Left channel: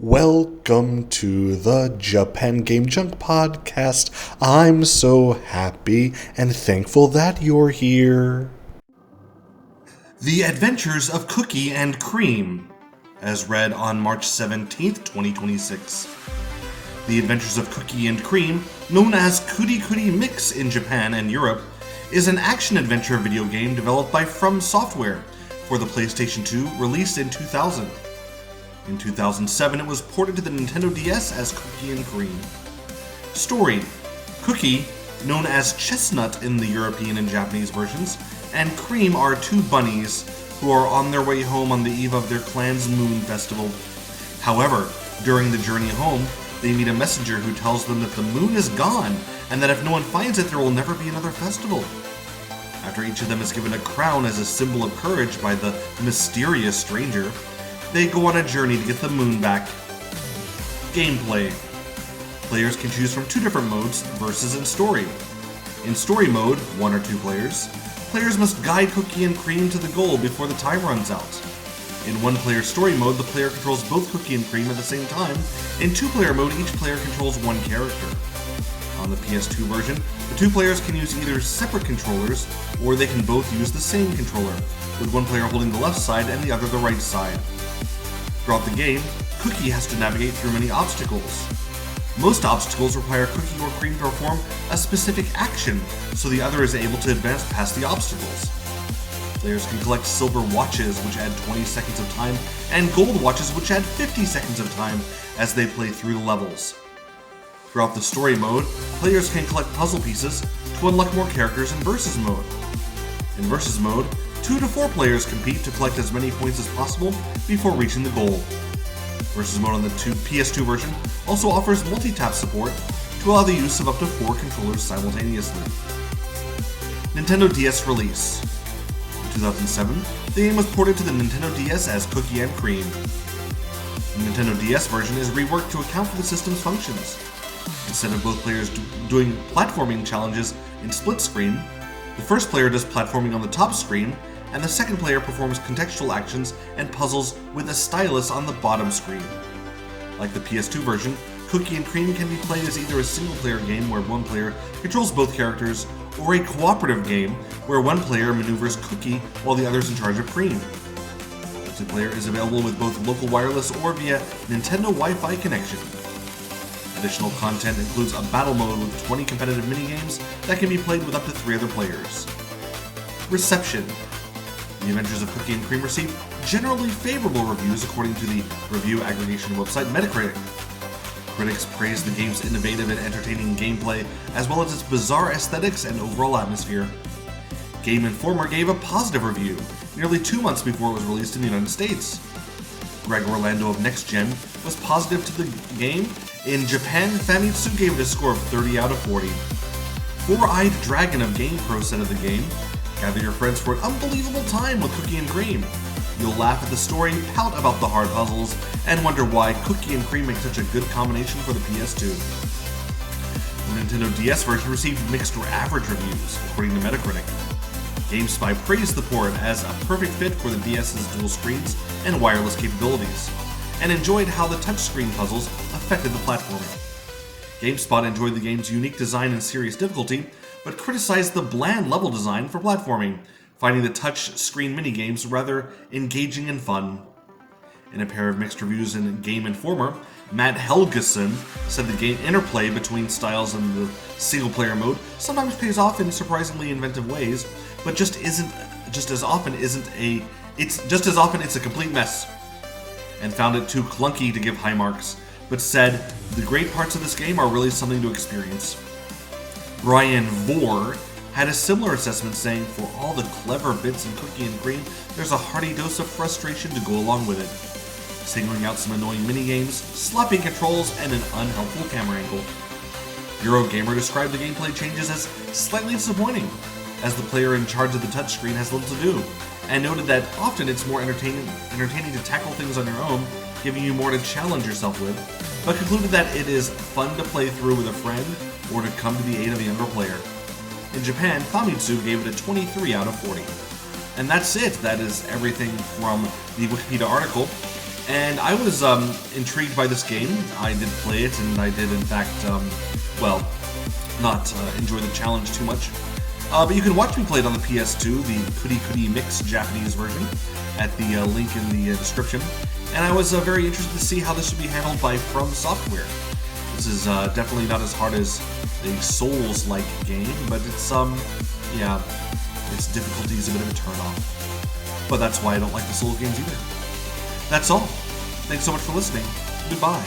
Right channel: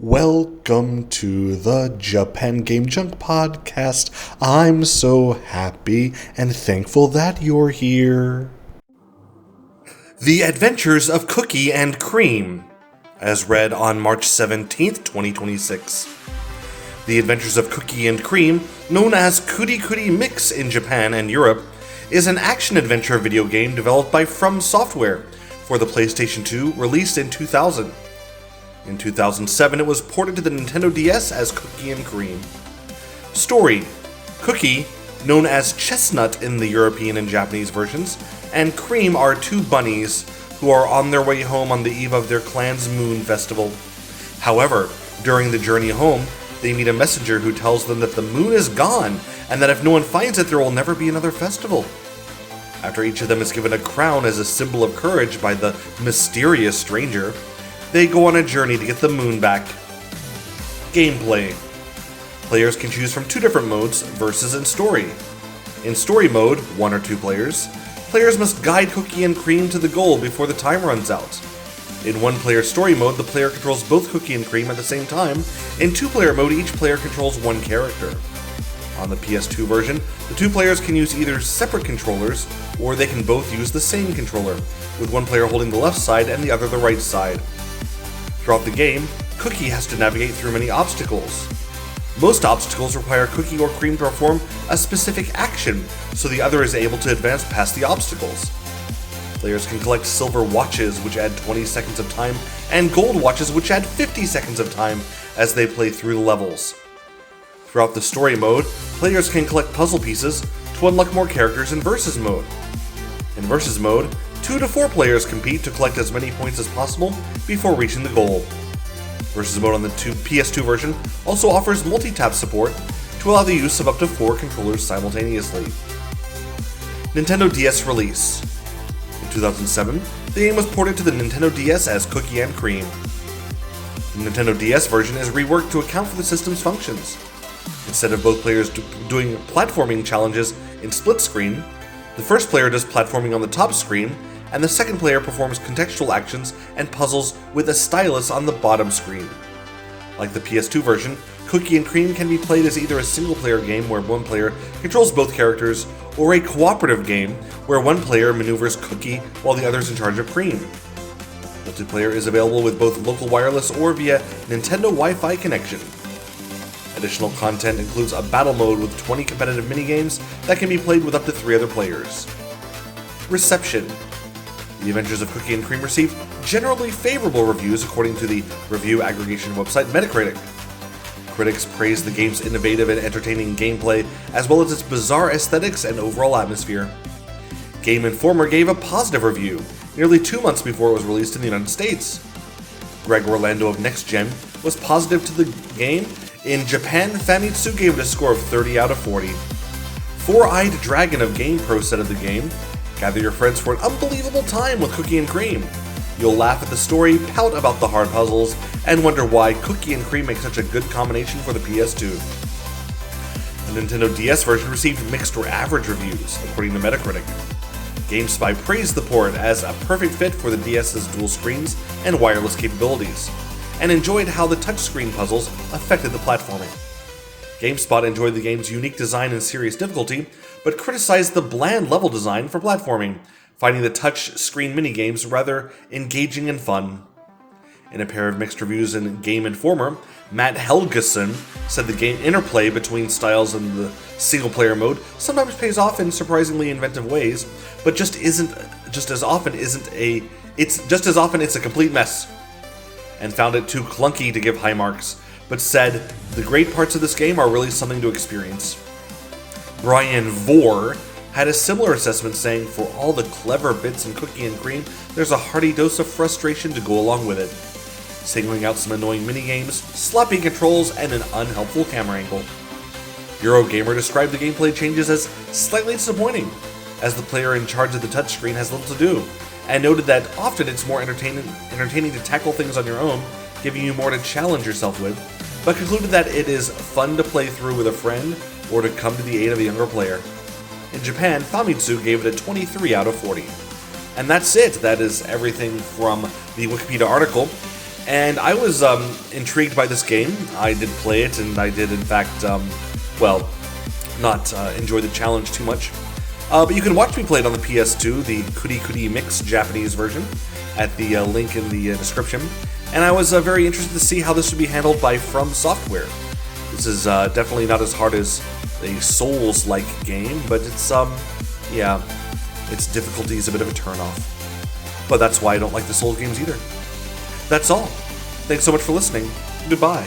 Welcome to the Japan Game Junk podcast. I'm so happy and thankful that you're here. The Adventures of Cookie and Cream, as read on March 17th, 2026. The Adventures of Cookie and Cream, known as Kuri Kuri Mix in Japan and Europe, is an action-adventure video game developed by From Software for the PlayStation 2, released in 2000. In 2007, it was ported to the Nintendo DS as Cookie and Cream. Story: Cookie, known as Chestnut in the European and Japanese versions, and Cream are two bunnies who are on their way home on the eve of their clan's moon festival. However, during the journey home, they meet a messenger who tells them that the moon is gone and that if no one finds it, there will never be another festival. After each of them is given a crown as a symbol of courage by the mysterious stranger, they go on a journey to get the moon back. Gameplay. Players can choose from two different modes, versus and story. In story mode, 1 or 2 players, players must guide Cookie and Cream to the goal before the time runs out. In 1-player story mode, the player controls both Cookie and Cream at the same time. In 2-player mode, each player controls one character. On the PS2 version, the 2 players can use either separate controllers, or they can both use the same controller, with one player holding the left side and the other the right side. Throughout the game, Cookie has to navigate through many obstacles. Most obstacles require Cookie or Cream to perform a specific action, so the other is able to advance past the obstacles. Players can collect silver watches, which add 20 seconds of time, and gold watches, which add 50 seconds of time as they play through the levels. Throughout the story mode, players can collect puzzle pieces to unlock more characters in Versus mode. In Versus mode, 2 to 4 players compete to collect as many points as possible before reaching the goal. Versus mode on the PS2 version also offers multi-tap support to allow the use of up to 4 controllers simultaneously. Nintendo DS release. In 2007, the game was ported to the Nintendo DS as Cookie and Cream. The Nintendo DS version is reworked to account for the system's functions. Instead of both players doing platforming challenges in split screen, the first player does platforming on the top screen, and the second player performs contextual actions and puzzles with a stylus on the bottom screen. Like the PS2 version, Cookie and Cream can be played as either a single-player game where one player controls both characters, or a cooperative game where one player maneuvers Cookie while the other is in charge of Cream. Multiplayer is available with both local wireless or via Nintendo Wi-Fi connection. Additional content includes a battle mode with 20 competitive minigames that can be played with up to 3 other players. Reception. The Adventures of Cookie and Cream received generally favorable reviews according to the review aggregation website Metacritic. Critics praised the game's innovative and entertaining gameplay, as well as its bizarre aesthetics and overall atmosphere. Game Informer gave a positive review, nearly 2 months before it was released in the United States. Greg Orlando of Next Gen was positive to the game. In Japan, Famitsu gave it a score of 30 out of 40. Four-Eyed Dragon of GamePro said of the game, "Gather your friends for an unbelievable time with Cookie and Cream. You'll laugh at the story, pout about the hard puzzles, and wonder why Cookie and Cream make such a good combination for the PS2. The Nintendo DS version received mixed or average reviews, according to Metacritic. GameSpy praised the port as a perfect fit for the DS's dual screens and wireless capabilities, and enjoyed how the touchscreen puzzles affected the platforming. GameSpot enjoyed the game's unique design and serious difficulty, but criticized the bland level design for platforming, finding the touch-screen minigames rather engaging and fun." In a pair of mixed reviews in Game Informer, Matt Helgeson said the game interplay between styles in the single-player mode sometimes pays off in surprisingly inventive ways, but just as often it's a complete mess, and found it too clunky to give high marks, but said the great parts of this game are really something to experience. Brian Vore had a similar assessment, saying, "For all the clever bits in Cookie and Cream, there's a hearty dose of frustration to go along with it, singling out some annoying minigames, sloppy controls, and an unhelpful camera angle." Eurogamer described the gameplay changes as slightly disappointing, as the player in charge of the touchscreen has little to do, and noted that often it's more entertaining to tackle things on your own, giving you more to challenge yourself with, but concluded that it is fun to play through with a friend or to come to the aid of a younger player. In Japan, Famitsu gave it a 23 out of 40. And that's it. That is everything from the Wikipedia article. And I was intrigued by this game. I did play it, and I did, in fact, not enjoy the challenge too much. But you can watch me play it on the PS2, the Kuri Kuri Mix Japanese version, at the link in the description. And I was very interested to see how this would be handled by From Software. This is definitely not as hard as a Souls-like game, but it's, its difficulty is a bit of a turn-off. But that's why I don't like the Souls games either. That's all. Thanks so much for listening. Goodbye.